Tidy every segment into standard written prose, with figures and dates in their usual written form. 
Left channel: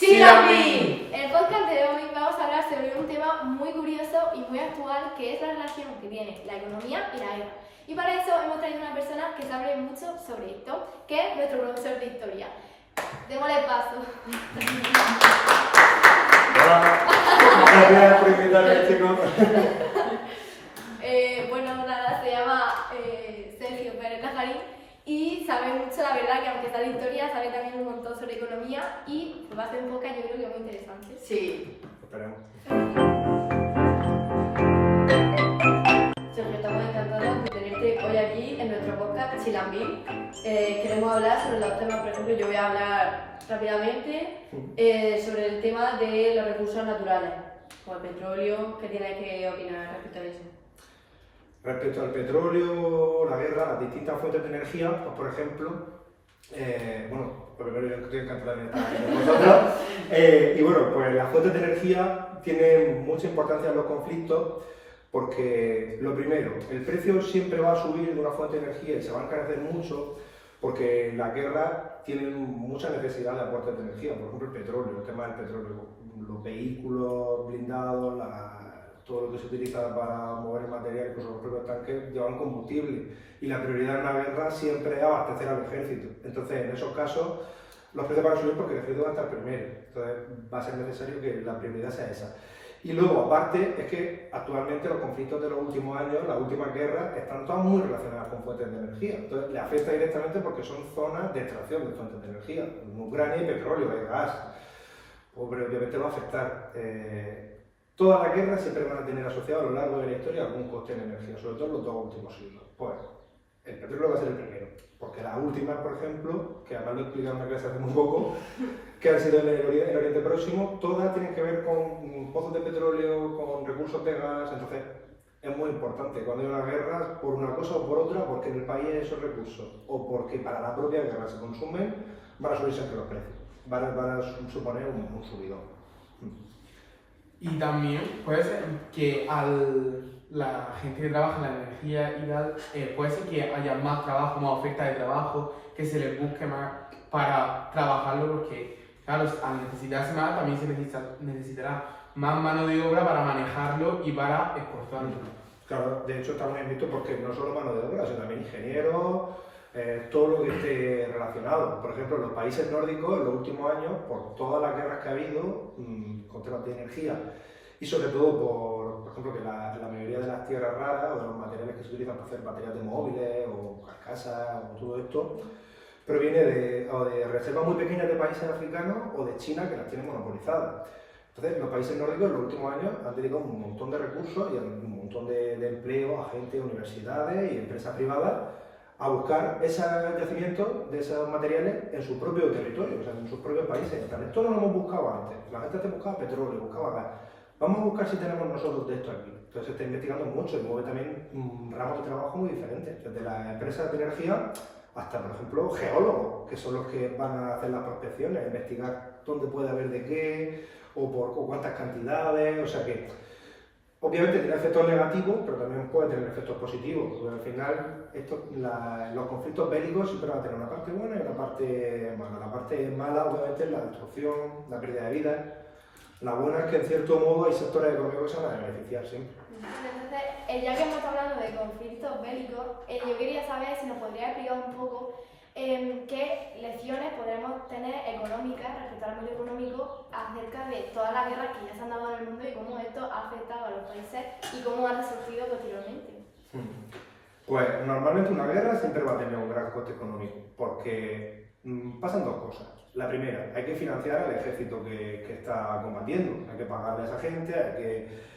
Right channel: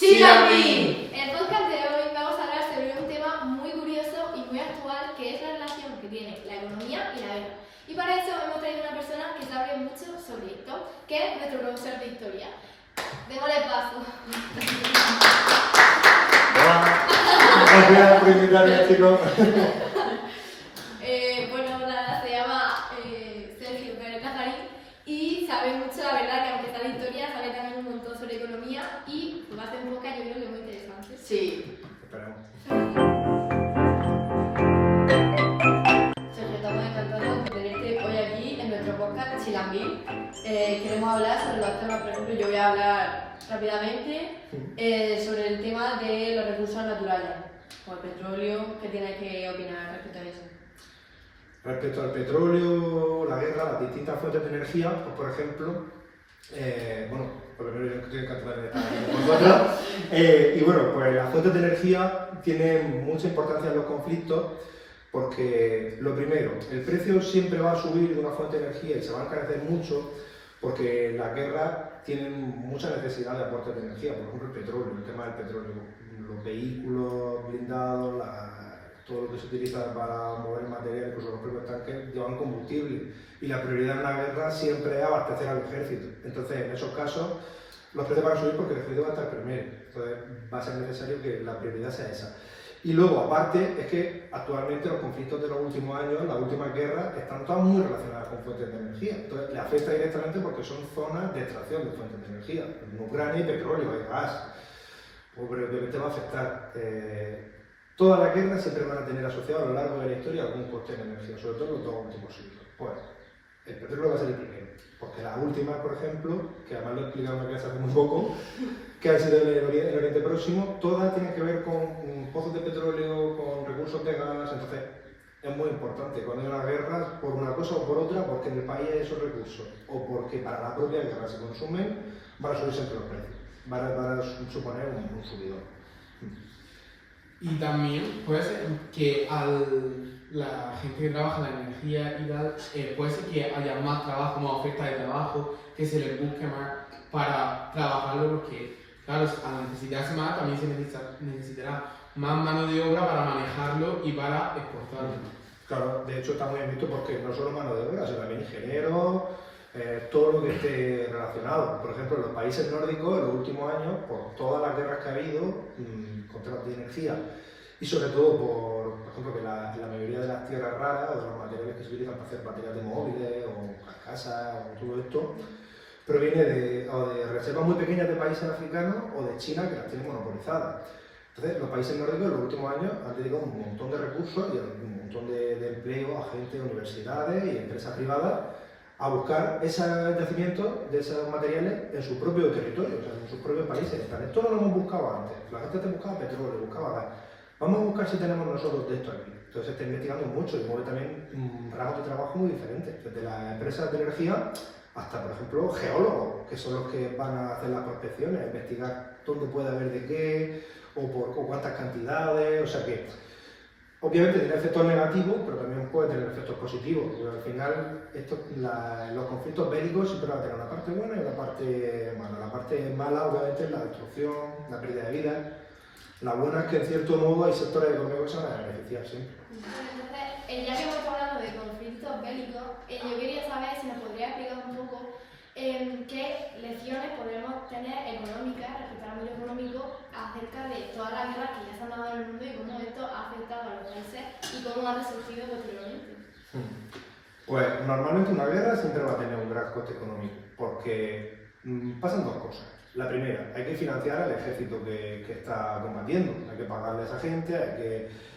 ¡Chilami! En el podcast de hoy vamos a hablar sobre un tema muy curioso y muy actual, que es la relación que tiene la economía y la guerra. Y para eso hemos traído una persona que sabe mucho sobre esto, que es nuestro profesor de historia. Démosle paso. Gracias por invitarme, chicos. Bueno, nada, se llama Sergio Pérez Lazarín y sabe mucho, la verdad, que aunque está de historia, sabe también un montón sobre economía y va a hacer un podcast, yo creo que muy interesante. Sí. Esperemos. Sergio, estamos encantados de tenerte hoy aquí en nuestro podcast Chilambí. Queremos hablar sobre los temas, por ejemplo, yo voy a hablar rápidamente sobre el tema de los recursos naturales, como el petróleo. ¿Qué tienes que opinar respecto a eso? Respecto al petróleo, la guerra, las distintas fuentes de energía, pues por ejemplo, bueno, por lo menos yo estoy encantado de estar aquí con vosotros. Y bueno, pues las fuentes de energía tienen mucha importancia en los conflictos porque, lo primero, el precio siempre va a subir de una fuente de energía y se va a encarecer mucho porque las guerras tienen mucha necesidad de aportes de energía, por ejemplo el petróleo, el tema del petróleo, los vehículos blindados, todo lo que se utiliza para mover material, incluso los propios tanques, llevan combustible y la prioridad en la guerra siempre es abastecer al ejército. Entonces, en esos casos, los precios van a subir porque el ejército va a estar primero. Entonces, va a ser necesario que la prioridad sea esa. Y luego, aparte, es que actualmente los conflictos de los últimos años, las últimas guerras, están todas muy relacionadas con fuentes de energía. Entonces, le afecta directamente porque son zonas de extracción de fuentes de energía. En Ucrania hay petróleo, hay gas. Pues, obviamente va a afectar. Todas las guerras siempre van a tener asociado a lo largo de la historia algún coste en energía, sobre todo en los dos últimos siglos. Pues el petróleo va a ser el primero, porque las últimas, por ejemplo, que además lo he explicado en una clase hace muy poco, que han sido en el Oriente Próximo, todas tienen que ver con pozos de petróleo, con recursos de gas. Entonces es muy importante cuando hay una guerra, por una cosa o por otra, porque en el país hay esos recursos, o porque para la propia guerra se consumen, van a subir siempre los precios, van a suponer un subidón. Y también puede ser que la gente que trabaja en la energía y tal, puede ser que haya más trabajo, más oferta de trabajo, que se les busque más para trabajarlo, porque claro, al necesitarse más también se necesitará más mano de obra para manejarlo y para exportarlo. Claro, de hecho está muy bien visto porque no solo mano de obra, sino también ingenieros, todo lo que esté relacionado. Por ejemplo, en los países nórdicos, en los últimos años, por todas las guerras que ha habido con temas de energía y sobre todo por ejemplo, que la mayoría de las tierras raras o de los materiales que se utilizan para hacer baterías de móviles o carcasas o todo esto, proviene de reservas muy pequeñas de países africanos o de China que las tienen monopolizadas. Entonces, los países nórdicos en los últimos años han dedicado un montón de recursos y un montón de empleo a gente, universidades y empresas privadas a buscar ese crecimiento de esos materiales en su propio territorio, o sea, en sus propios países. Esto no lo hemos buscado antes. La gente te buscaba petróleo, buscaba gas. Vamos a buscar si tenemos nosotros de esto aquí. Entonces se está investigando mucho y mueve también ramos de trabajo muy diferentes, desde las empresas de energía hasta, por ejemplo, geólogos, que son los que van a hacer las prospecciones, investigar dónde puede haber de qué o cuántas cantidades. O sea que obviamente tiene efectos negativos, pero también puede tener efectos positivos, porque al final los conflictos bélicos siempre van a tener una parte buena y una parte mala. La parte mala obviamente es la destrucción, la pérdida de vidas. La buena es que en cierto modo hay sectores económicos que se van a beneficiar siempre. Entonces, ya que hemos hablado de conflictos bélicos, yo quería saber si nos podría explicar un poco qué lecciones podremos tener económicas respecto al ámbito económico acerca de todas las guerras que ya se han dado en el mundo y cómo esto ha afectado a los países y cómo han resurgido posteriormente. Pues normalmente una guerra siempre va a tener un gran coste económico, porque pasan dos cosas. La primera, hay que financiar al ejército que está combatiendo, hay que pagarle a esa gente, hay que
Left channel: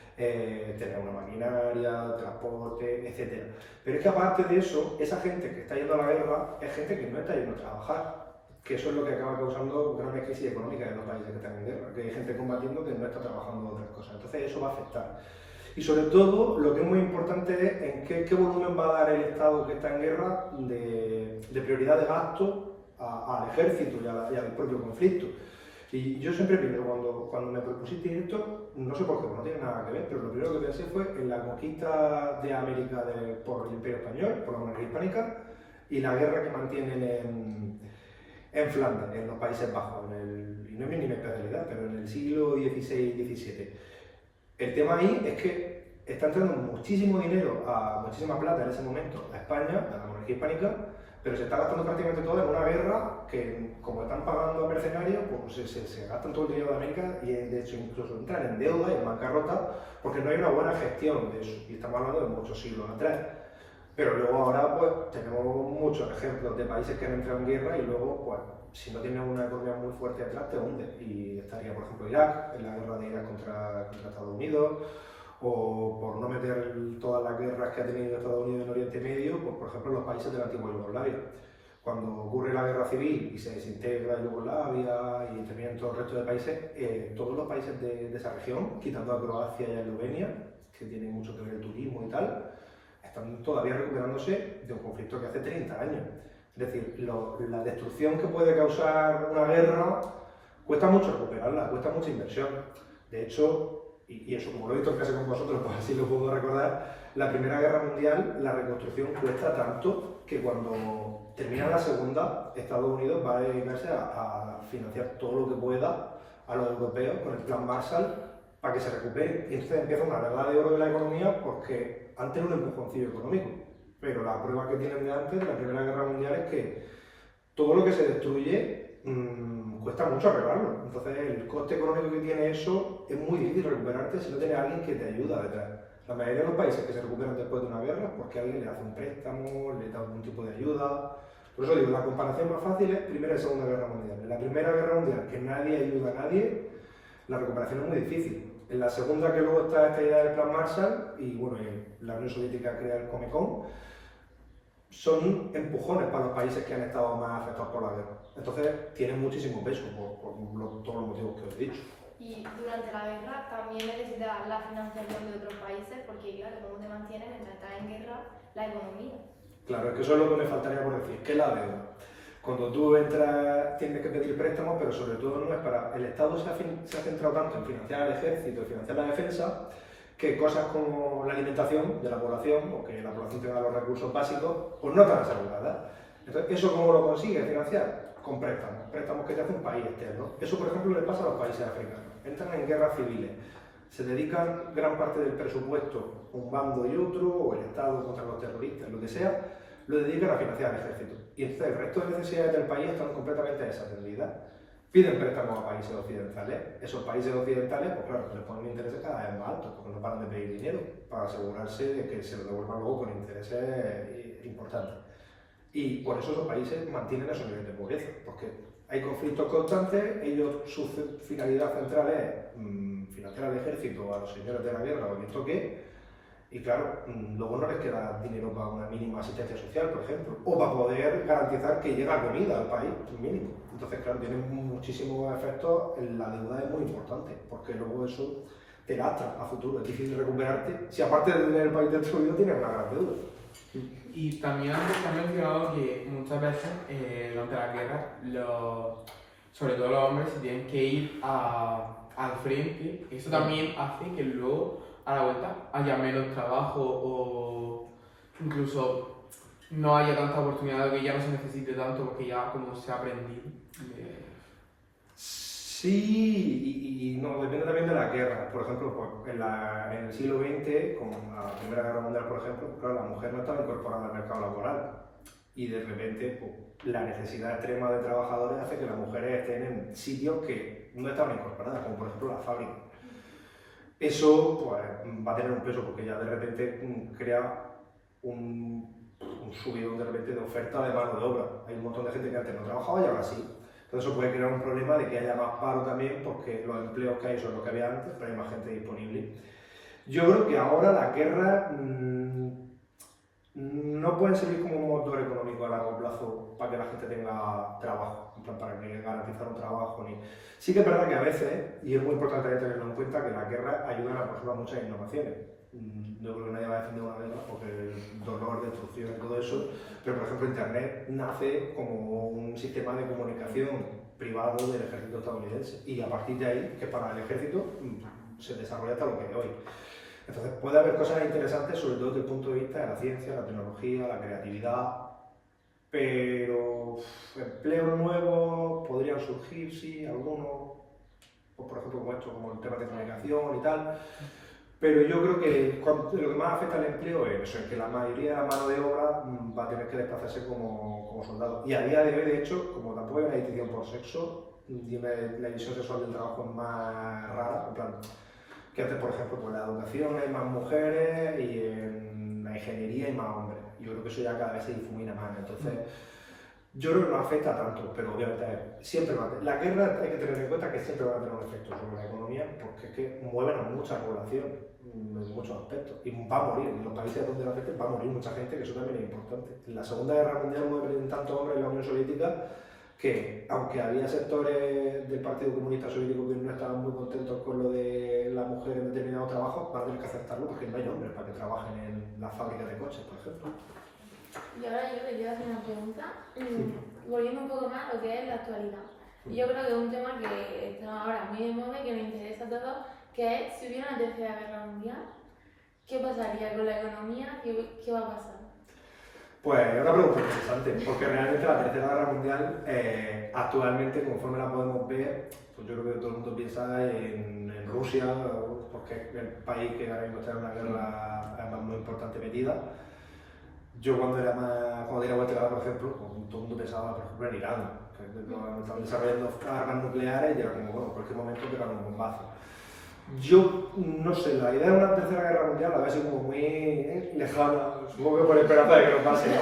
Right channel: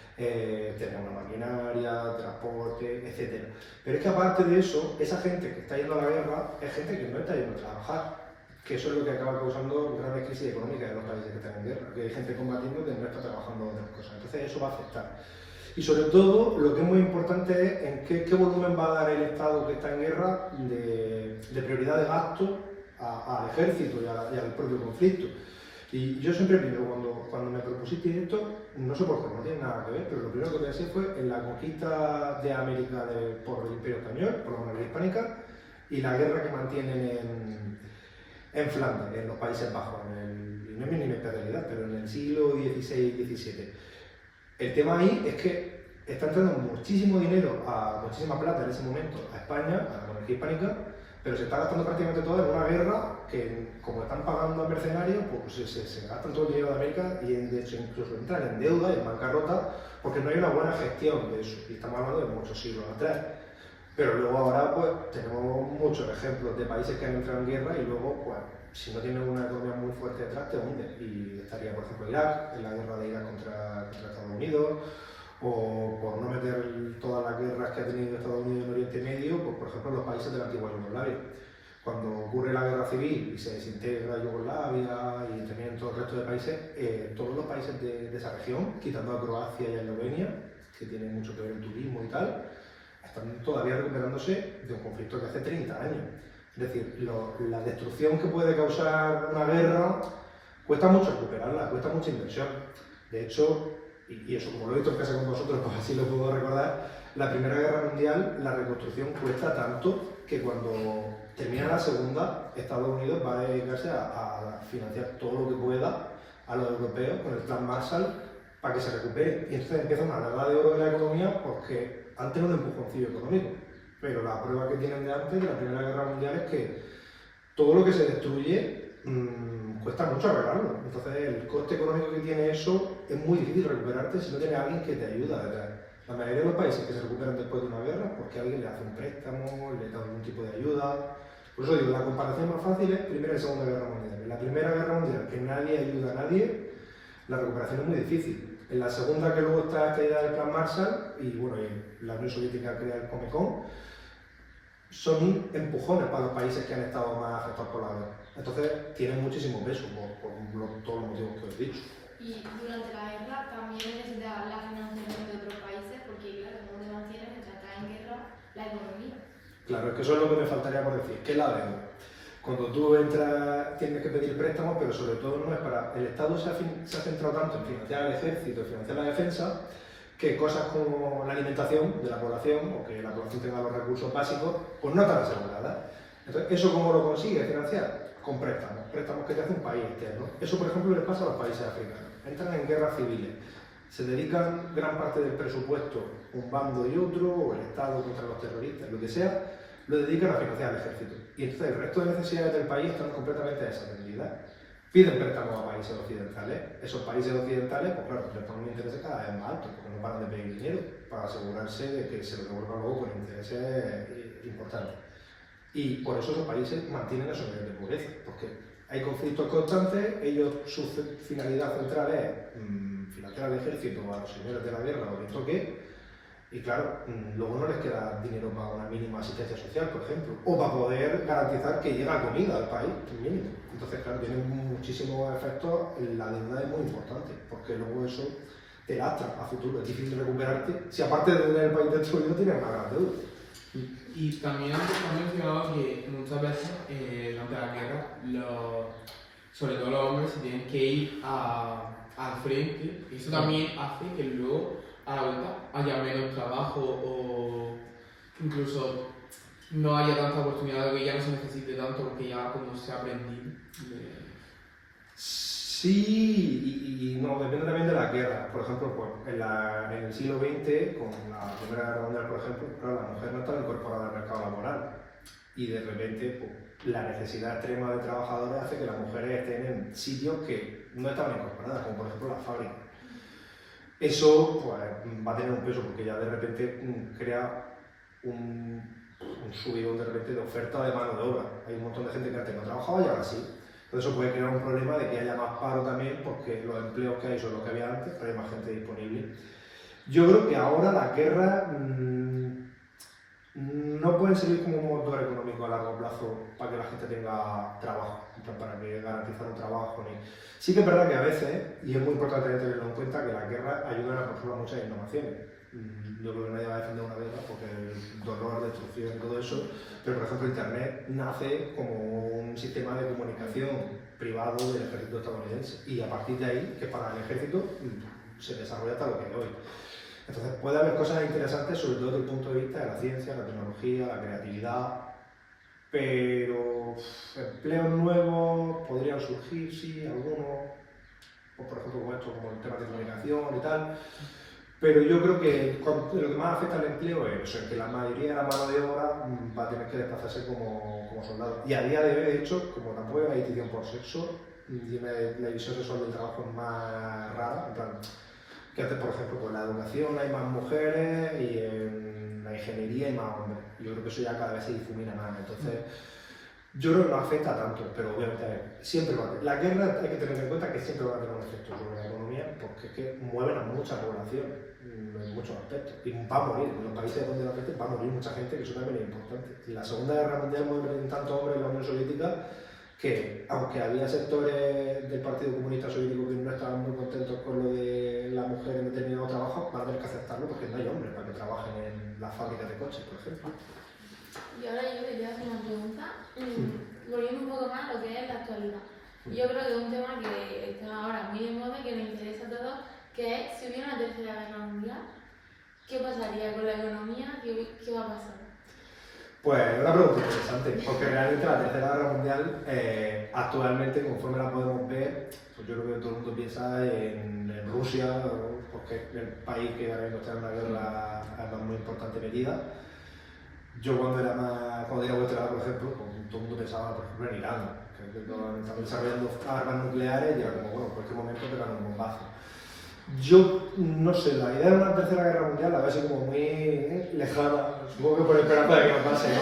tener una maquinaria, transporte, etc. Pero es que aparte de eso, esa gente que está yendo a la guerra es gente que no está yendo a trabajar, que eso es lo que acaba causando grandes crisis económicas en los países que están en guerra, que hay gente combatiendo que no está trabajando en otras cosas. Entonces eso va a afectar. Y sobre todo, lo que es muy importante es en qué volumen va a dar el Estado que está en guerra de prioridad de gasto al ejército y al propio conflicto. Y yo siempre primero, cuando me propusiste esto, no sé por qué, no tiene nada que ver, pero lo primero que pensé fue en la conquista de América por el Imperio Español, por la monarquía hispánica, y la guerra que mantienen en Flandes, en los Países Bajos, y no es ni mi especialidad, pero en el siglo XVI-XVII. El tema ahí es que está entrando muchísimo dinero, muchísima plata en ese momento a España, a la monarquía hispánica, pero se está gastando prácticamente todo en una guerra que, como están pagando a mercenarios, pues se gastan todo el dinero de América y de hecho incluso entran en deuda y en bancarrota porque no hay una buena gestión de eso. Y estamos hablando de muchos siglos atrás. Pero luego ahora pues tenemos muchos ejemplos de países que han entrado en guerra y luego pues si no tienes una economía muy fuerte detrás te hunde. Y estaría por ejemplo Irak, en la guerra de Irak contra Estados Unidos, o por no meter todas las guerras que ha tenido Estados Unidos en Oriente Medio, pues por ejemplo los países de la antigua Yugoslavia. Cuando ocurre la guerra civil y se desintegra Yugoslavia y también todo el resto de países, todos los países de esa región, quitando a Croacia y a Eslovenia, que tienen mucho que ver el turismo y tal, están todavía recuperándose de un conflicto que hace 30 años. Es decir, la destrucción que puede causar una guerra cuesta mucho recuperarla, cuesta mucha inversión. De hecho, y eso como lo he visto en casa con vosotros, pues así lo puedo recordar, la Primera Guerra Mundial, la reconstrucción cuesta tanto que cuando termina la Segunda, Estados Unidos va a dedicarse a financiar todo lo que pueda a los europeos con el Plan Marshall para que se recupere. Y entonces empieza una regla de oro de la economía porque han tenido un empujoncillo económico. Pero la prueba que tienen de antes, de la Primera Guerra Mundial, es que todo lo que se destruye cuesta mucho arreglarlo. Entonces el coste económico que tiene eso es muy difícil recuperarte si no tienes a alguien que te ayuda detrás. La mayoría de los países que se recuperan después de una guerra es porque alguien le hace un préstamo, le da algún tipo de ayuda. Por eso digo, la comparación más fácil es Primera y Segunda Guerra Mundial. En la Primera Guerra Mundial, que nadie ayuda a nadie, la recuperación es muy difícil. En la segunda, que luego está esta idea del Plan Marshall, y bueno, la Unión Soviética crea el Comecon, son empujones para los países que han estado más afectados por la guerra. Entonces, tienen muchísimo peso por todos los motivos que os he dicho. Y durante la guerra también necesitas la financiación de otros países, porque claro, ¿cómo te mantienes mientras estás en guerra la economía? Claro, es que eso es lo que me faltaría por decir, que es la deuda. Cuando tú entras, tienes que pedir préstamos, pero sobre todo no es para... El Estado se ha centrado tanto en financiar al ejército, en financiar la defensa, que cosas como la alimentación de la población, o que la población tenga los recursos básicos, pues no están aseguradas. Entonces, ¿eso cómo lo consigue financiar? Con préstamos, préstamos que te hace un país externo. Eso, por ejemplo, le pasa a los países africanos. Entran en guerras civiles, se dedican gran parte del presupuesto, un bando y otro, o el Estado contra los terroristas, lo que sea, lo dedican a financiar al ejército. Y entonces el resto de necesidades del país están completamente desatendidas. Piden préstamos a países occidentales. Esos países occidentales, pues claro, les ponen intereses cada vez más altos, porque no paran de pedir dinero para asegurarse de que se lo devuelvan luego con intereses importantes. Y por eso esos países mantienen esos niveles de pobreza, porque hay conflictos constantes, ellos, su finalidad central es financiar al ejército, a los señores de la guerra o quien toque, y claro, luego no les queda dinero para una mínima asistencia social, por ejemplo, o para poder garantizar que llega comida al país, mínimo. Entonces, claro, tiene muchísimos efectos, la deuda es muy importante, porque luego eso te lastra a futuro, es difícil recuperarte, si aparte de tener el país destruido tienes una gran deuda. Y también han mencionado que muchas veces durante la guerra, sobre todo los hombres, se tienen que ir al frente. Eso también hace que luego a la vuelta haya menos trabajo o incluso no haya tanta oportunidad, que ya no se necesite tanto porque ya como se ha aprendido. Sí, y no, depende también de la guerra. Por ejemplo, pues, en el siglo XX, con la Primera Guerra Mundial, por ejemplo, claro, la mujer no estaba incorporada al mercado laboral. Y de repente, pues, la necesidad extrema de trabajadores hace que las mujeres estén en sitios que no estaban incorporadas, como por ejemplo las fábricas. Eso pues, va a tener un peso porque ya de repente crea un subidón de repente de oferta de mano de obra. Hay un montón de gente que antes no trabajaba y ahora sí. Entonces eso puede crear un problema de que haya más paro también porque los empleos que hay son los que había antes, pero hay más gente disponible. Yo creo que ahora la guerra no pueden servir como un motor económico a largo plazo para que la gente tenga trabajo, para que garantizar un trabajo. Sí que es verdad que a veces, y es muy importante tenerlo en cuenta, que las guerras ayudan a, por ejemplo, a muchas innovaciones. Yo creo que nadie va a defender una guerra porque el dolor, destrucción y todo eso, pero por ejemplo Internet nace como un sistema de comunicación privado del ejército estadounidense y a partir de ahí, que para el ejército se desarrolla hasta lo que es hoy. Entonces puede haber cosas interesantes, sobre todo desde el punto de vista de la ciencia, la tecnología, la creatividad, pero empleos nuevos podrían surgir, sí, algunos, pues, por ejemplo, como esto, como el tema de comunicación y tal. Pero yo creo que lo que más afecta al empleo es eso, que la mayoría de la mano de obra va a tener que desplazarse como soldado. Y a día de hoy, de hecho, como tampoco hay una distinción por sexo, y la división sexual del trabajo es más rara, en plan, que antes, por ejemplo, con la educación hay más mujeres y en la ingeniería hay más hombres. Yo creo que eso ya cada vez se difumina más. Entonces, yo creo que no afecta tanto, pero obviamente siempre va a tener. La guerra hay que tener en cuenta que siempre va a tener un efecto sobre la economía, porque es que mueven a mucha población en muchos aspectos. Y va a morir, en los países donde la afecte va a morir mucha gente, que eso también es importante. En la Segunda Guerra Mundial murieron tantos hombres en la Unión Soviética que, aunque había sectores del Partido Comunista Soviético que no estaban muy contentos con lo de la mujer en determinados trabajos, van a tener que aceptarlo porque no hay hombres para que trabajen en las fábricas de coches, por ejemplo. Y ahora yo le quiero hacer una pregunta, volviendo un poco más a lo que es la actualidad. Yo creo que es un tema que está ahora muy de moda y que me interesa a todos, que es si hubiera una tercera guerra mundial, ¿qué pasaría con la economía? ¿Qué va a pasar? Pues es una pregunta interesante, porque realmente la Tercera Guerra Mundial, actualmente, conforme la podemos ver, pues yo creo que todo el mundo piensa en Rusia, porque es el país que ahora mismo está en una guerra además muy importante metida. Yo cuando era vuestra edad, por ejemplo, pues, todo el mundo pensaba, por ejemplo, en Irán, que estaban desarrollando armas nucleares y era como, bueno, en cualquier momento pegan un bombazo. Yo no sé, la idea de una tercera guerra mundial la veo así como muy lejana, supongo que por esperanza de que no pase, ¿no?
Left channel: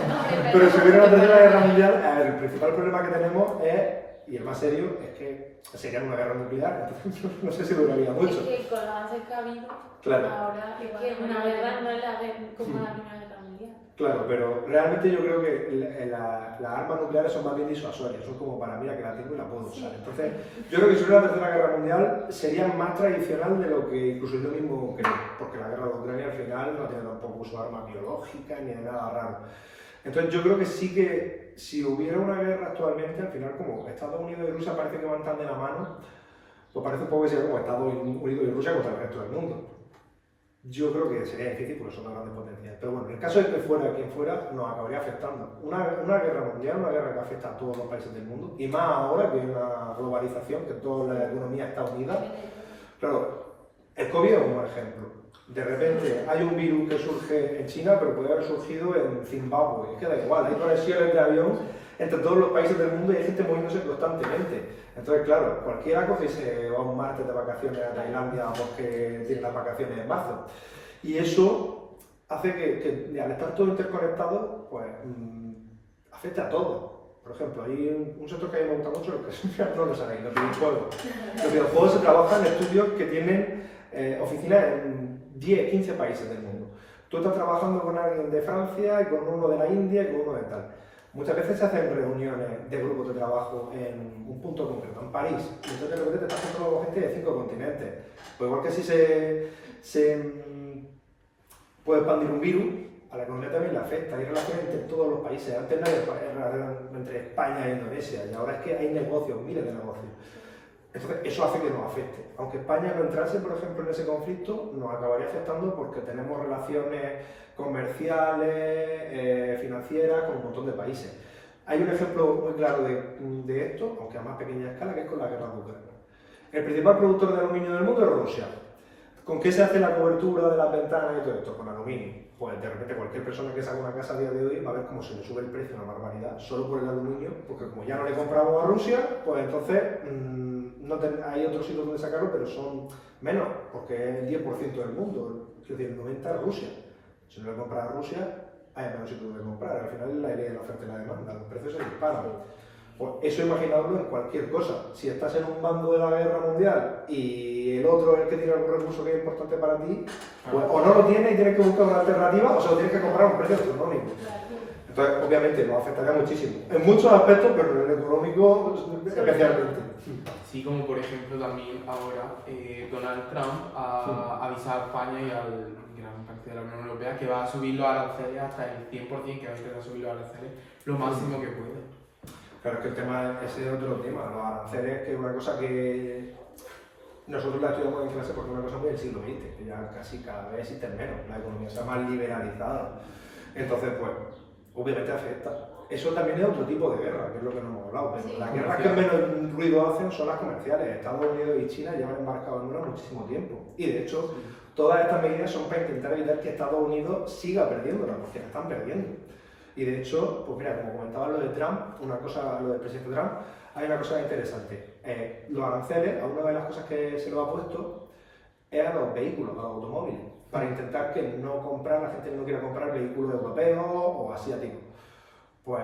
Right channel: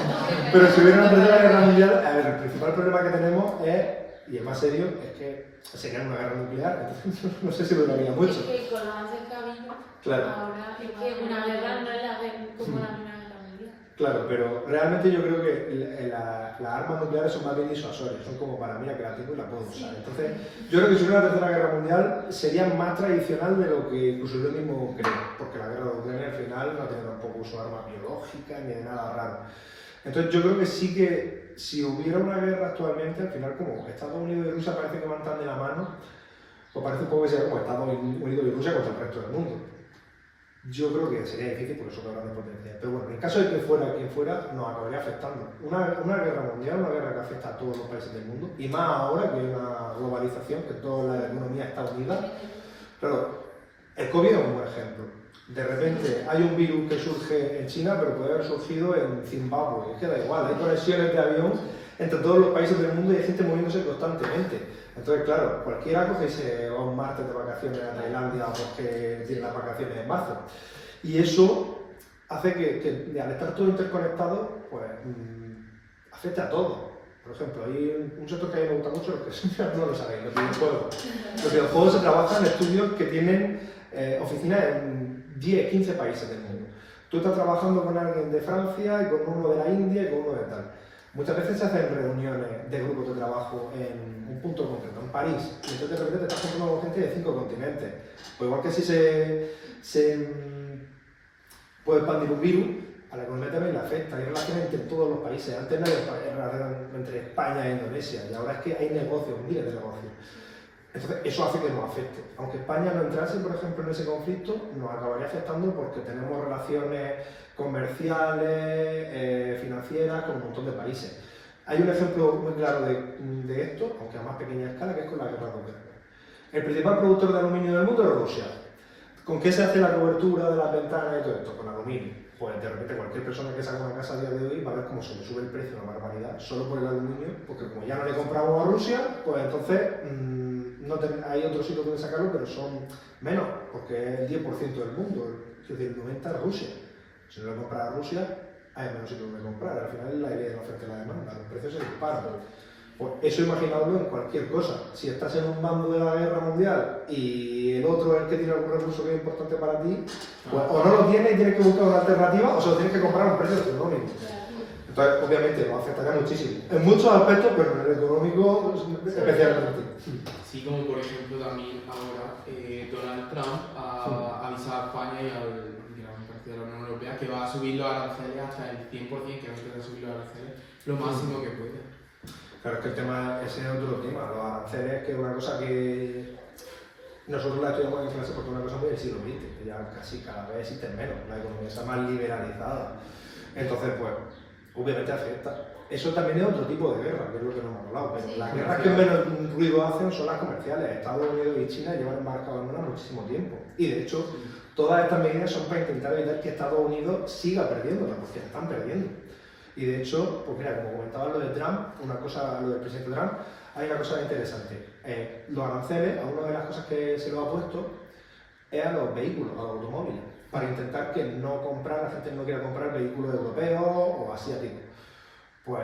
Pero si hubiera una tercera guerra mundial, a ver, el principal problema que tenemos es, y el más serio, es que sería una guerra nuclear, entonces no sé si duraría mucho. Es que con los avances que ha habido, Claro. ahora es que una guerra no es la como la Primera Guerra Mundial. Claro, pero realmente yo creo que las armas nucleares son más bien disuasorias, son como para mira que la tengo y la puedo usar. Entonces, yo creo que si hubiera una tercera guerra mundial sería más tradicional de lo que incluso yo mismo creo, porque la guerra de Ucrania al final no tiene tampoco uso de armas biológicas ni de nada raro. Entonces yo creo que sí que si hubiera una guerra actualmente, al final como Estados Unidos y Rusia parece que van tan de la mano, pues parece un poco que sería como Estados Unidos y Rusia contra el resto del mundo. Yo creo que sería difícil porque son dos grandes potencias. Pero bueno, en el caso de que fuera quien fuera, nos acabaría afectando. Una guerra mundial, una guerra que afecta a todos los países del mundo, y más ahora que hay una globalización, que toda la economía está unida. Claro, el COVID es un buen ejemplo. De repente hay un virus que surge en China, pero puede haber surgido en Zimbabue. Es que da igual, hay conexiones de avión entre todos los países del mundo y hay gente moviéndose constantemente. Entonces, claro, cualquiera coge y se va un martes de vacaciones a Tailandia porque tiene las vacaciones en marzo. Y eso hace que al estar todo interconectado, pues afecte a todo. Por ejemplo, hay un sector que a mí me gusta mucho, los que no lo saben, los videojuegos. Los videojuegos se trabajan en estudios que tienen oficinas en 10, 15 países del mundo. Tú estás trabajando con alguien de Francia y con uno de la India y con uno de tal. Muchas veces se hacen reuniones de grupos de trabajo en un punto concreto, en París, y entonces de repente te estás encontrando con gente de 5 continentes. Pues igual que si se puede expandir un virus, a la economía también le afecta, hay relaciones entre todos los países. Antes no había relaciones entre España e Indonesia, y ahora es que hay negocios, miles de negocios. Entonces eso hace que nos afecte. Aunque España no entrase, por ejemplo, en ese conflicto, nos acabaría afectando porque tenemos relaciones comerciales, financieras con un montón de países. Hay un ejemplo muy claro de esto, aunque a más pequeña escala, que es con la guerra de Ucrania. El principal productor de aluminio del mundo es Rusia. ¿Con qué se hace la cobertura de las ventanas y todo esto? Con aluminio. Pues de repente cualquier persona que saque una casa a día de hoy va a ver cómo se le sube el precio una barbaridad solo por el aluminio, porque como ya no le compramos a Rusia, pues entonces hay otros sitios donde sacarlo, pero son menos, porque es el 10% del mundo, es decir, el 90% es Rusia. Si no le compras a Rusia, hay menos sitios donde comprar. Al final es la idea de la oferta y la demanda, los precios se disparan. Pues eso imaginadlo en cualquier cosa. Si estás en un bando de la guerra mundial y el otro es el que tiene algún recurso que es importante para ti, pues o no lo tienes y tienes que buscar una alternativa, o se lo tienes que comprar a un precio astronómico. Entonces, obviamente, nos afectaría muchísimo. En muchos aspectos, pero en el económico especialmente. Sí, como por ejemplo también ahora Donald Trump ha avisado a España y al gran parte de la Unión Europea que va a subir los aranceles hasta el 100%, que va a empezar a subir los aranceles lo máximo que puede. Claro, es que el tema, ese es otro tema, los aranceles, que es una cosa que nosotros la estudiamos en clase porque es una cosa muy del siglo XX, que ya casi cada vez existen menos, la economía está más liberalizada. Entonces, pues, obviamente afecta. eso también es otro tipo de guerra, que es lo que no hemos hablado, pero Sí. las guerras que menos ruido hacen son las comerciales. Estados Unidos y China llevan embarcados en una muchísimo tiempo. Y de hecho, todas estas medidas son para intentar evitar que Estados Unidos siga perdiéndola, porque la están perdiendo. Y de hecho, pues mira, como comentaba lo de Trump, lo del presidente Trump, hay una cosa interesante. Los aranceles, a una de las cosas que se lo ha puesto es a los vehículos, a los automóviles, para intentar que la gente no quiera comprar vehículos europeos o asiáticos. Pues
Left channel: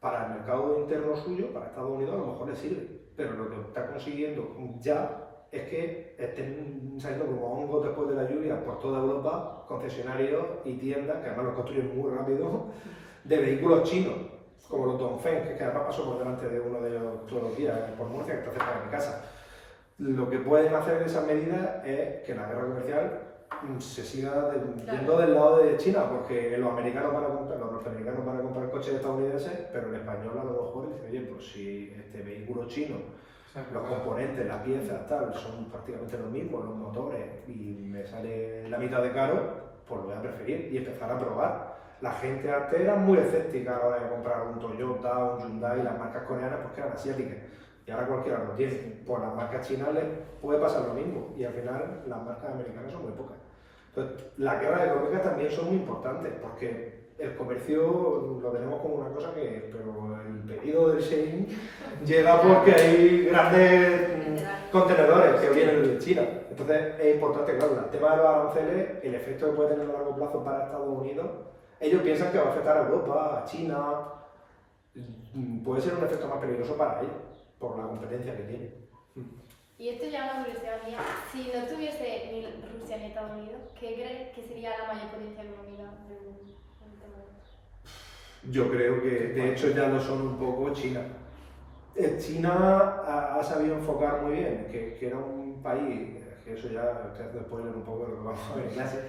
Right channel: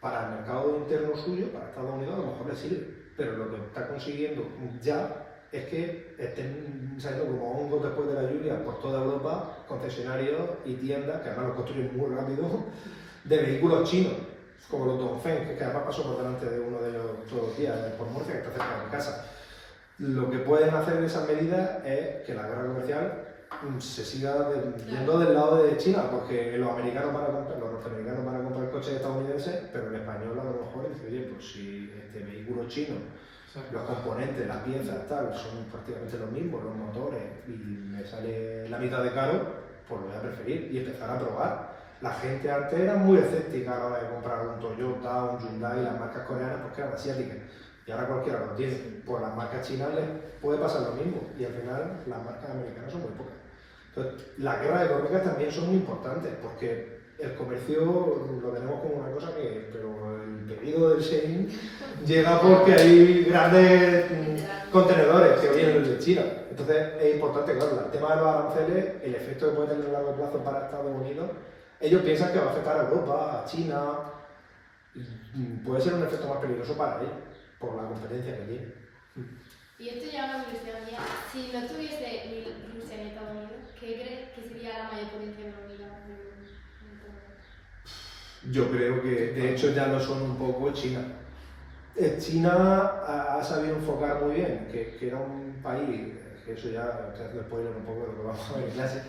para el mercado interno suyo, para Estados Unidos, a lo mejor le sirve, pero lo que está consiguiendo ya es que estén saliendo como hongos después de la lluvia por toda Europa concesionarios y tiendas, que además los construyen muy rápido, de vehículos chinos, como los Dongfeng, que además pasó por delante de uno de ellos todos los días, por Murcia, que está cerca de mi casa. Lo que pueden hacer esas medidas es que la guerra comercial se siga yendo del lado de China, porque los americanos van a comprar, los norteamericanos van a comprar coches estadounidenses, pero el español a lo mejor dice, oye, pues si este vehículo chino, los componentes, las piezas, tal, son prácticamente los mismos, los motores, y me sale la mitad de caro, pues lo voy a preferir y empezar a probar. La gente antes era muy escéptica a la hora de comprar un Toyota, un Hyundai, las marcas coreanas porque eran asiáticas. Y ahora cualquiera lo tiene. Pues las marcas chinas les puede pasar lo mismo. Y al final las marcas americanas son muy pocas. Entonces, las guerras económicas también son muy importantes porque el comercio lo tenemos como una cosa que, pero el pedido del Shein llega porque hay grandes contenedores que vienen de China. Entonces es importante, claro, el tema de los aranceles, el efecto que puede tener a largo plazo para Estados Unidos, ellos piensan que va a afectar a Europa, a China, puede ser un efecto más peligroso para ellos, por la competencia que tienen. Y esto ya es una curiosidad mía. Si no estuviese ni Rusia ni Estados Unidos, ¿qué crees que sería la mayor potencia económica del mundo? Yo creo que de hecho ya lo son un poco China. China ha sabido enfocar muy bien, que era un país, que eso ya te hace spoiler un poco de lo que vamos a ver en clase,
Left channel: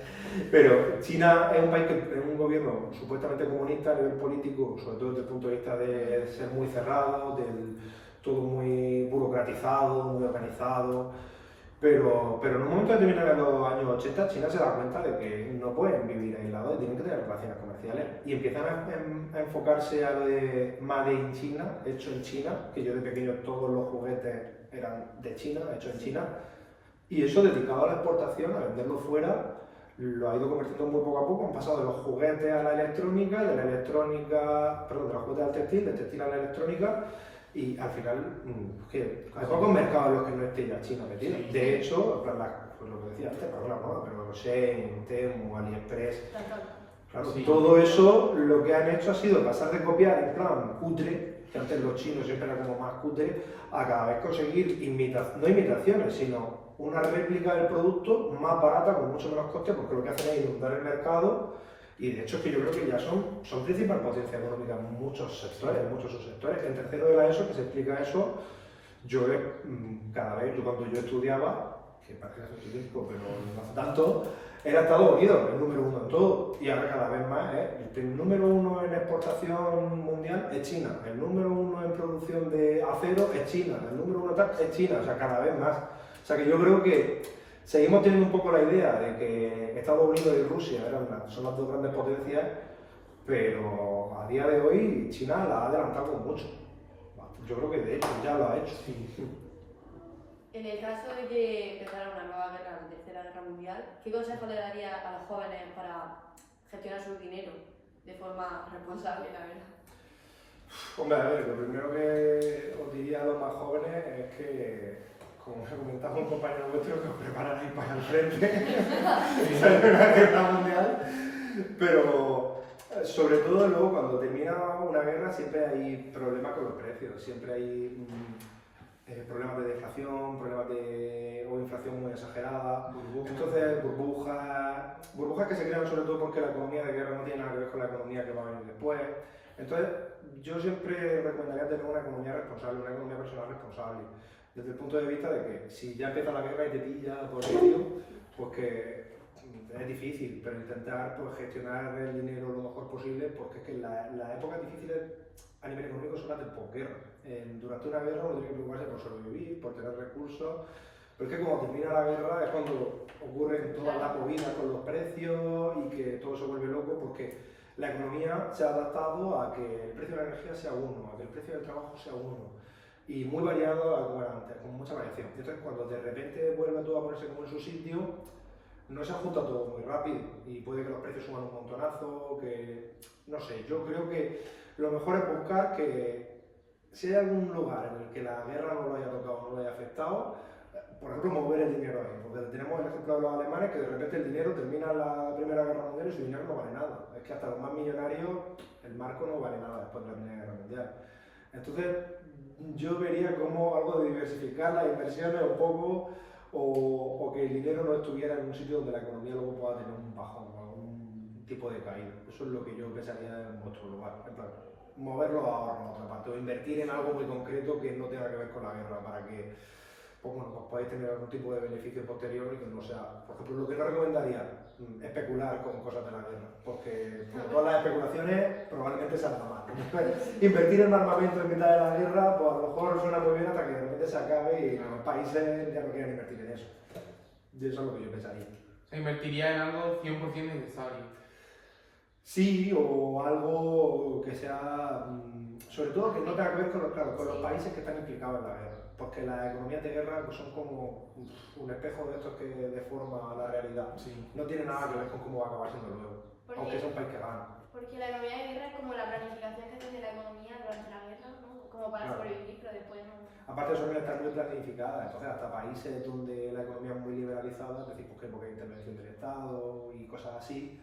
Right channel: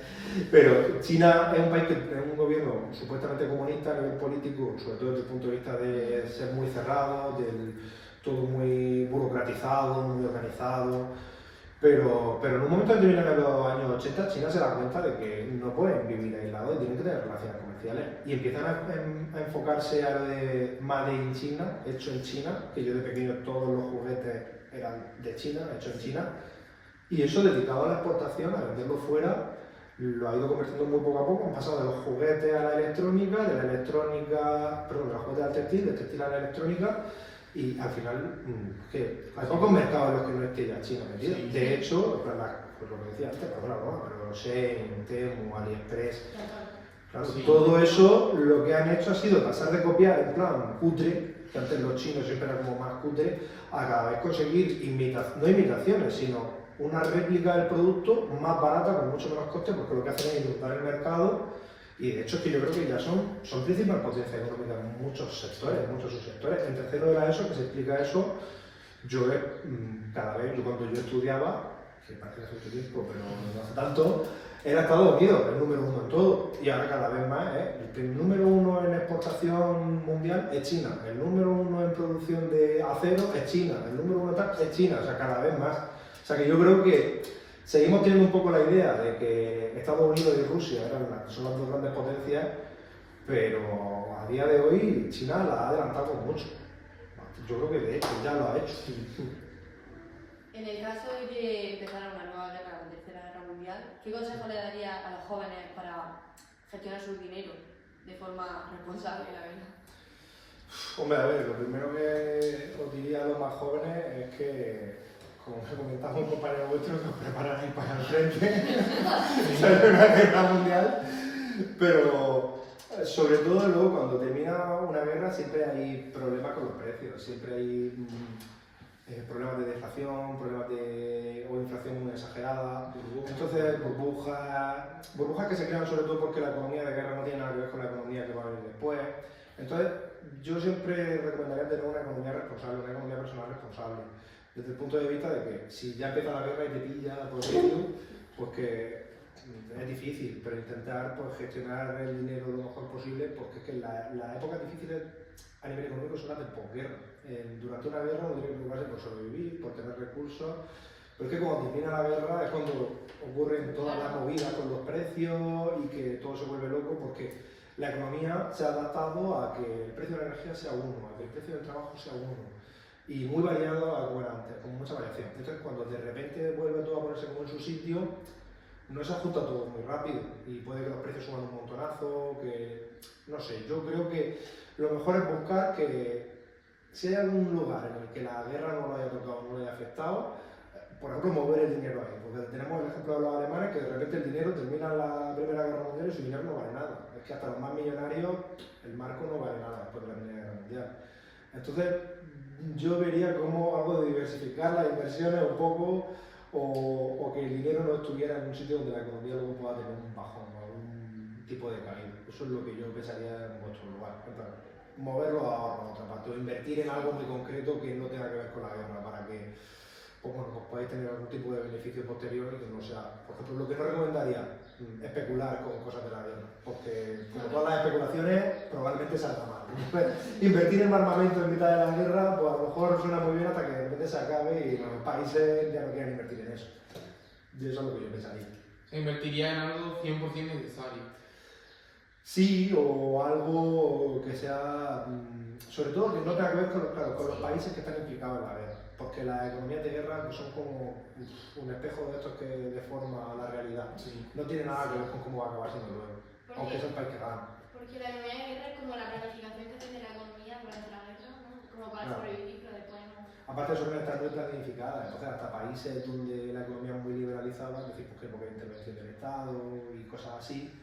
pero China es un país que tiene un gobierno supuestamente comunista a nivel político, sobre todo desde el punto de vista de ser muy cerrado, todo muy burocratizado, muy organizado. Pero en un momento determinado en los años 80, China se da cuenta de que no pueden vivir aislados y tienen que tener relaciones comerciales. Y empiezan a enfocarse a lo de Made in China, hecho en China, que yo de pequeño todos los juguetes eran de China, hechos en China. Y eso dedicado a la exportación, a venderlo fuera, lo ha ido convirtiendo muy poco a poco. Han pasado de los juguetes a la electrónica, de los juguetes al textil, del textil a la electrónica. Y al final, que hay pocos mercados en los que no esté ya China metido. Sí, de hecho, pues lo que decía antes, para una broma, pero Shein, Temu, AliExpress, claro, Sí. todo eso lo que han hecho ha sido pasar de copiar en plan cutre, que antes los chinos siempre eran como más cutre, a cada vez conseguir no imitaciones, sino una réplica del producto más barata con mucho menos coste, porque lo que hacen es inundar el mercado. Y de hecho es que yo creo que ya son principal potencia económica en muchos sectores, en muchos subsectores. En tercero de la ESO, que se explica eso, yo cada vez, cuando yo estudiaba, que parece que hace tiempo, pero no hace tanto, era Estados Unidos el número uno en todo. Y ahora cada vez más, el número uno en exportación mundial es China, el número uno en producción de acero es China, el número uno tal es China, o sea, cada vez más. O sea que yo creo que seguimos teniendo un poco la idea de que Estados Unidos y Rusia son las dos grandes potencias, pero a día de hoy China la ha adelantado mucho. Yo creo que de hecho ya lo ha hecho. En el caso de que empezara una nueva guerra, la Tercera Guerra Mundial, ¿qué consejo le daría a los jóvenes para gestionar su dinero de forma responsable, la verdad? Hombre, a ver, lo primero que os diría a los más jóvenes es que, como me comentaba un compañero vuestro, que os prepararéis para ir al frente, salir una guerra mundial, pero sobre todo luego cuando termina una guerra siempre hay problemas con los precios, siempre hay problemas de deflación, o inflación muy exagerada, entonces burbujas que se crean sobre todo porque la economía de guerra no tiene nada que ver con la economía que va a venir después. Entonces yo siempre recomendaría tener una economía responsable, una economía personal responsable, desde el punto de vista de que si ya empieza la guerra y te pilla por medio, pues que es difícil, pero intentar pues, gestionar el dinero lo mejor posible, porque es que las épocas difíciles a nivel económico son las de posguerra. Durante una guerra uno tiene que preocuparse por sobrevivir, por tener recursos, pero es que cuando termina la guerra es cuando ocurren todas las movidas con los precios y que todo se vuelve loco, porque la economía se ha adaptado a que el precio de la energía sea uno, a que el precio del trabajo sea uno, y muy variado a como era antes, con mucha variación. Entonces, cuando de repente vuelve todo a ponerse como en su sitio, no se ajusta todo muy rápido y puede que los precios suban un montonazo, que no sé, yo creo que lo mejor es buscar que si hay algún lugar en el que la guerra no lo haya tocado, no lo haya afectado, por ejemplo, mover el dinero ahí, porque tenemos el ejemplo de los alemanes que de repente el dinero termina la Primera Guerra Mundial y su dinero no vale nada. Es que hasta los más millonarios el marco no vale nada después de la Primera Guerra Mundial. Entonces, yo vería como algo de diversificar las inversiones un poco o que el dinero no estuviera en un sitio donde la economía luego pueda tener un bajón o algún tipo de caída. Eso es lo que yo pensaría en vuestro lugar. En plan, mover los ahorros en otra parte o invertir en algo muy concreto que no tenga que ver con la guerra para que pues bueno, pues podáis tener algún tipo de beneficio posterior y que no sea, por ejemplo, lo que no recomendaría, especular con cosas de la guerra, porque como todas las especulaciones probablemente salga mal. Invertir en armamento en mitad de la guerra, pues a lo mejor suena muy bien hasta que de repente se acabe y los países ya no quieren invertir en eso. Y eso es lo que yo pensaría. Se invertiría en algo 100% necesario. Sí, o algo que sea, sobre todo que no tenga que ver con los países que están implicados en la guerra, porque las economías de guerra pues, son como un espejo de estos que deforma la realidad. Sí. No tiene nada que ver con cómo va a acabar siendo luego, aunque es el país que gana. Porque la economía de guerra es como la planificación que se hace de la economía durante la guerra, ¿no? Como para Claro. sobrevivir, pero después no. Aparte suelen estar muy planificadas, entonces hasta países donde la economía es muy liberalizada, es decir, pues, porque hay intervención del Estado y cosas así,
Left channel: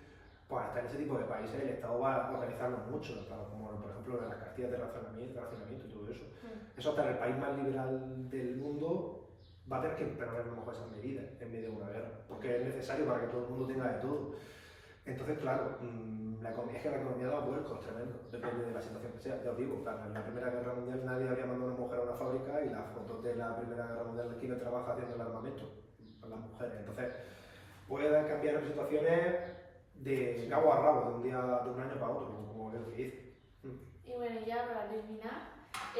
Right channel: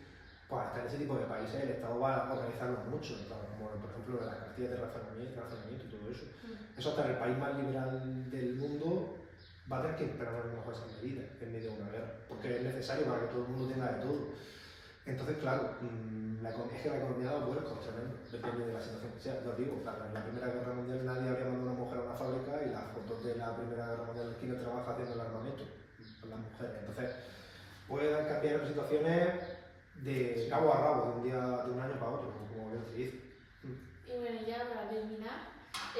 pues hasta en ese tipo de países el Estado va a organizarlo mucho, como por ejemplo las cartillas de racionamiento y todo eso. Eso hasta en el país más liberal del mundo va a tener que imponer a lo mejor esas medidas en medio de una guerra, porque es necesario para que todo el mundo tenga de todo. Entonces, claro, es que la economía da vuelcos tremendo, depende de la situación que sea. Ya os digo, claro, en la Primera Guerra Mundial nadie habría mandado a una mujer a una fábrica y las fotos de la Primera Guerra Mundial, ¿quién trabaja haciendo el armamento? Son las mujeres. Entonces, pueden cambiar en situaciones de cabo a rabo, de un año para otro, como yo dice. Y bueno, ya para terminar,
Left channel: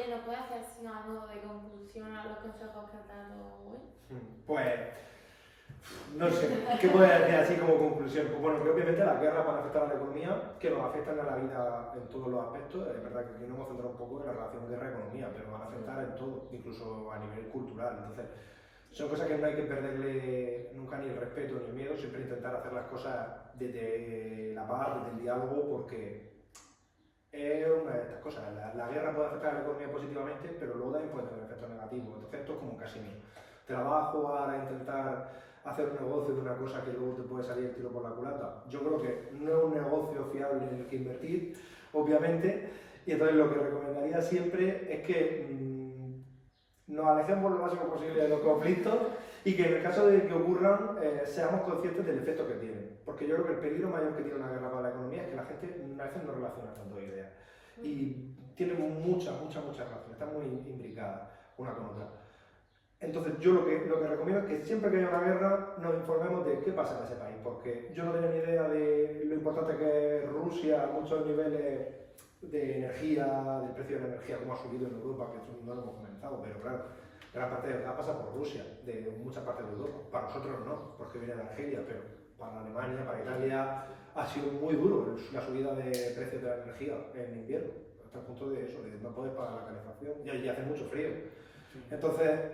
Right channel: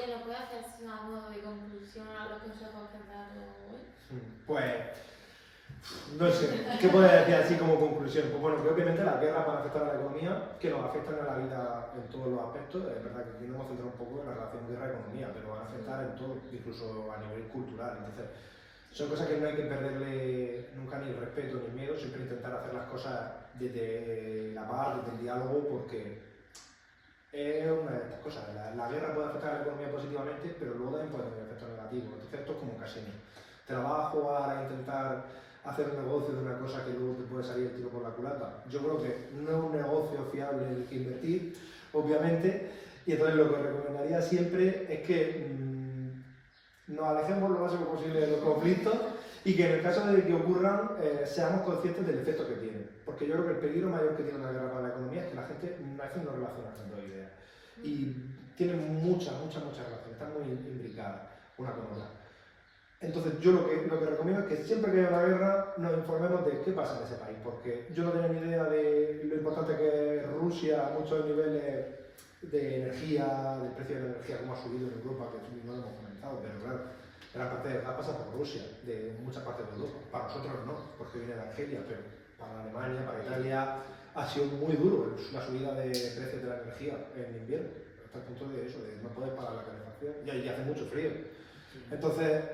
¿nos puede hacer una modo de conclusión a los consejos que has dado hoy? Pues, no sé, ¿qué puedo decir así como conclusión? Pues bueno, que obviamente las guerras van a afectar a la economía, que nos afectan a la vida en todos los aspectos. Es verdad que aquí nos hemos centrado un poco en la relación guerra-economía, pero van a afectar en todo, incluso a nivel cultural. Entonces, son cosas que no hay que perderle nunca ni el respeto ni el miedo, siempre intentar hacer las cosas desde la paz, desde el diálogo, porque es una de estas cosas. La guerra puede afectar a la economía positivamente, pero luego también puede tener efectos negativos. Entonces esto es como un casino. Trabajo para intentar hacer un negocio de una cosa que luego te puede salir el tiro por la culata. Yo creo que no es un negocio fiable en el que invertir, obviamente, y entonces lo que recomendaría siempre es que nos alejemos lo máximo posible de los conflictos y que en el caso de que ocurran seamos conscientes del efecto que tienen. Porque yo creo que el peligro mayor que tiene una guerra para la economía es que la gente a veces no relaciona tanto ideas. Y tienen muchas relaciones, están muy imbricadas una con otra. Entonces yo lo que recomiendo es que siempre que haya una guerra nos informemos de qué pasa en ese país, porque yo no tenía ni idea de lo importante que es Rusia a muchos niveles de energía, del precio de la energía, cómo ha subido en Europa, que no lo hemos comentado, pero claro, gran parte de gas pasa por Rusia, de muchas partes de Europa. Para nosotros no, porque viene de Argelia, pero para Alemania, para Italia, ha sido muy duro la subida de precios de la energía en invierno, hasta el punto de eso, de no poder pagar la calefacción, y hace mucho frío. Entonces,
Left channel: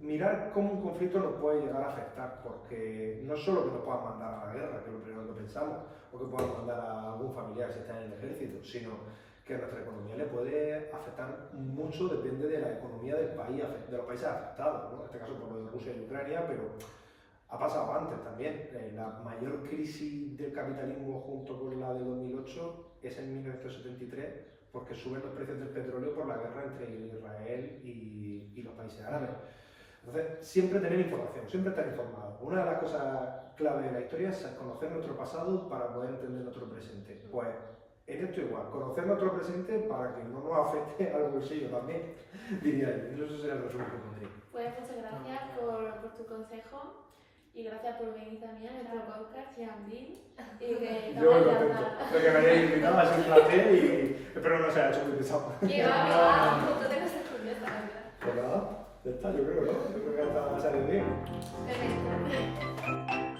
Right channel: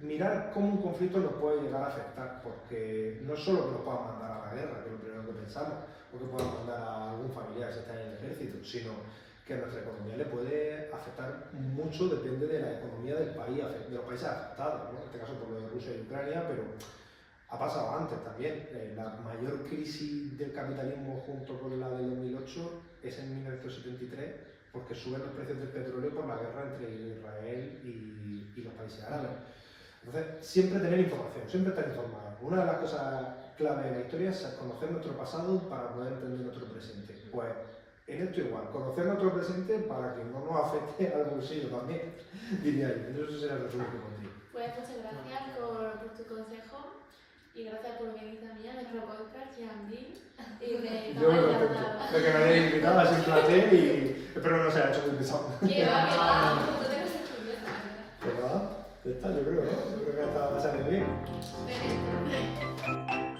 mirar cómo un conflicto nos puede llegar a afectar, porque no es solo que nos puedan mandar a la guerra, que es lo primero que pensamos, o que puedan mandar a algún familiar si está en el ejército, sino que a nuestra economía le puede afectar mucho, depende de la economía del país, de los países afectados, ¿no? En este caso por lo de Rusia y Ucrania, pero ha pasado antes también. La mayor crisis del capitalismo junto con la del 2008 es en 1973, porque suben los precios del petróleo por la guerra entre Israel y los países árabes. Entonces, siempre tener información, siempre estar informado. Una de las cosas clave de la historia es conocer nuestro pasado para poder entender nuestro presente. Pues en esto igual, conocer nuestro presente para que no nos afecte al bolsillo también, diría yo. Eso sería el resumen que pondría. Pues muchas gracias por tu consejo y gracias por venir también a nuestro podcast, Yandil. Y que Yo me contento de que me hayáis invitado, ha sido un placer y espero no se haya hecho muy pesado. ¿Qué va? Tú tengas que estudiar, la verdad. Pues nada, ya está, yo creo, ¿no? Yo creo que hasta ha salido bien. Perfecto.